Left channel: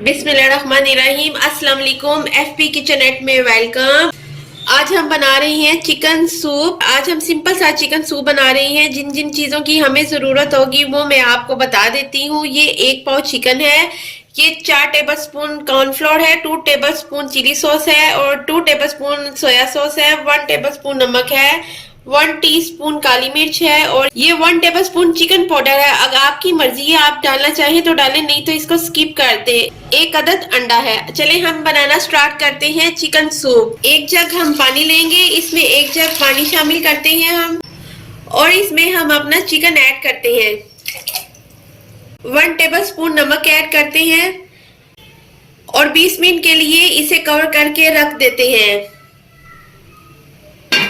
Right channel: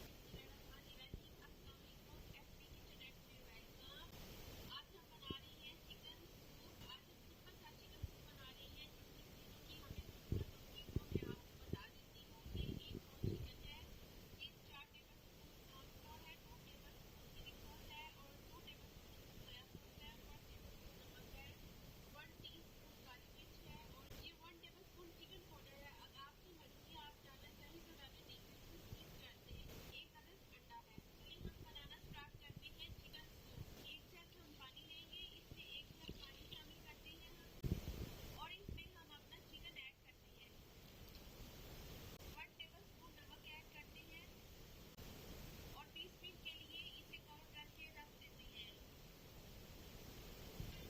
बिस्मिल्लाहिर्रहमानिर्रहीम। अस्सलाम वालेकुम। एफपी किचनेट में वेलकम। आज हम बना रहे हैं चिकन सूप। आज हम सिंपल सा चिकन सूप बना रहे हैं। जिन जिन चीज़ों की हमें ज़रूरत होगी वो मैं आपको बता देती हूँ। ये 1 पाव चिकन है, ये 4 टेबलस्पून कॉर्नफ्लोर है, 2 टेबलस्पून चिली सॉस है और 2 टेबलस्पून सोया सॉस है, 1 टेबलस्पून नमक है, 1 टीस्पून काली मिर्च है और ये 1 टेबलस्पून चिकन पाउडर है। अगर आपकी मर्जी है आप डालना चाहें तो डालें, नहीं तो इसको स्किप कर दे। 1 अदद अंडा है। चले हम बनाना स्टार्ट करते हैं चिकन सूप। 1 जग हम पानी लेंगे, इसमें 1 जग पानी शामिल करते हैं हम और इसमें हम अपना चिकन ऐड करते हैं। 1 टेबलस्पून नमक ऐड करते हैं और 20 मिनट के लिए इसे कवर करके रख देते हैं।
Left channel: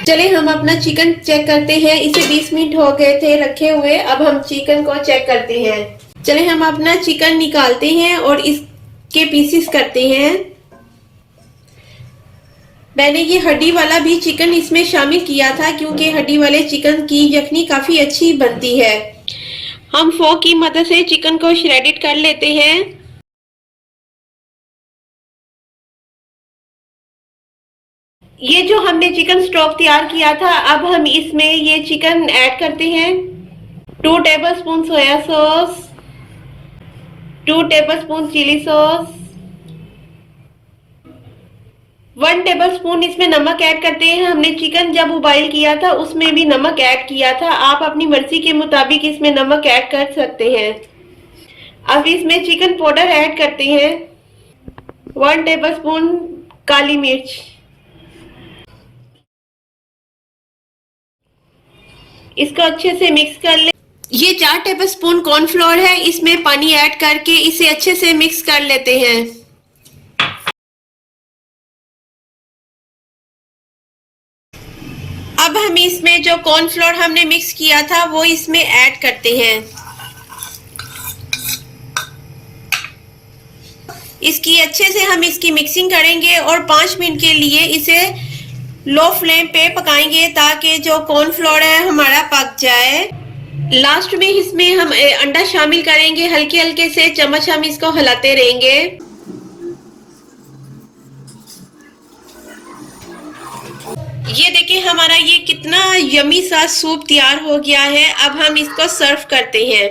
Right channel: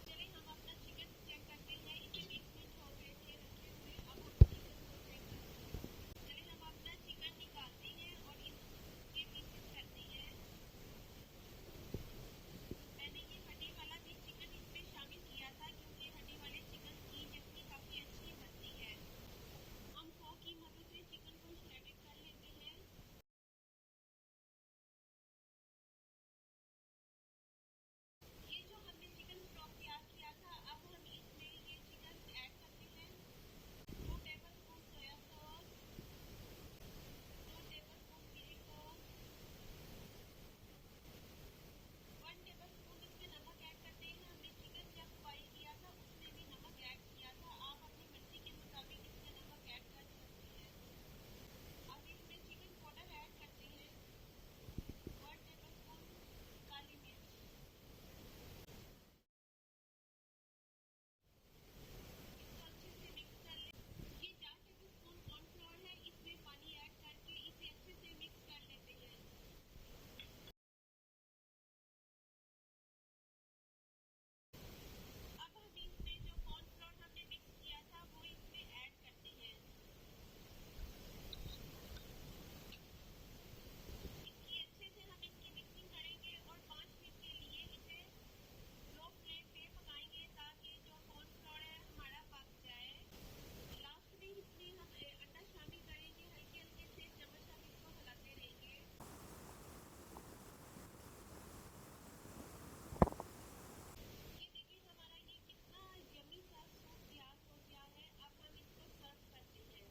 चले हम अपना चिकन चेक करते हैं। इसे 20 मिनट हो गए थे रखे हुए। अब हम चिकन को चेक करते हैं। चले हम अपना चिकन निकालते हैं और इसके पीसेस करते हैं। मैंने ये हड्डी वाला भी चिकन इसमें शामिल किया था क्योंकि हड्डी वाले चिकन की यखनी काफी अच्छी बनती है। हम फोक की मदद से चिकन को श्रेडेड कर लेते हैं। ये जो हमने चिकन स्टॉक तैयार किया था, अब हम इसमें ये चिकन ऐड करते हैं। 2 tablespoon soya sauce, 2 tablespoon chilli sauce, 1 tablespoon इसमें नमक ऐड करते हैं। हमने चिकन जब उबाइल किया था उसमें भी नमक ऐड किया था। आप अपनी मर्जी के मुताबिक इसमें नमक ऐड कर सकते हैं। अब इसमें चिकन पाउडर ऐड करते हैं। 1 टेबलस्पून काली मिर्च, इसको अच्छे से मिक्स कर ले। ये 4 टेबलस्पून कॉर्नफ्लोर है, इसमें पानी ऐड करके इसे अच्छे से मिक्स कर लेते हैं। अब हम इसमें जो कॉर्नफ्लोर हमने मिक्स किया था वो इसमें ऐड करते हैं। इसकी अच्छे से हम इसकी मिक्सिंग करेंगे और 5 मिनट के लिए इसे लो फ्लेम पे पकाएंगे ताकि जो कॉर्नफ्लोर है हमारा पक जाए। लास्ट में इसमें हम अंडा शामिल करेंगे। हल्के हल्के से चम्मच हम इसको हिलाते रहेंगे। ये देखिए हमारा ये कितना यमी सा सूप तैयार हो गया है। अब हम इसको सर्व करते हैं।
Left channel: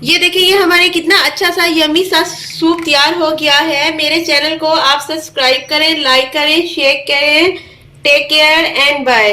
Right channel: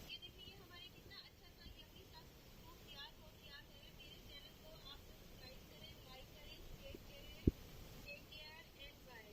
ये देखिए ये हमारे कितना अच्छा सा यमी सा सूप तैयार हो गया है। मेरे चैनल को आप सब्सक्राइब करें, लाइक करें, शेयर करें। Take care and bye.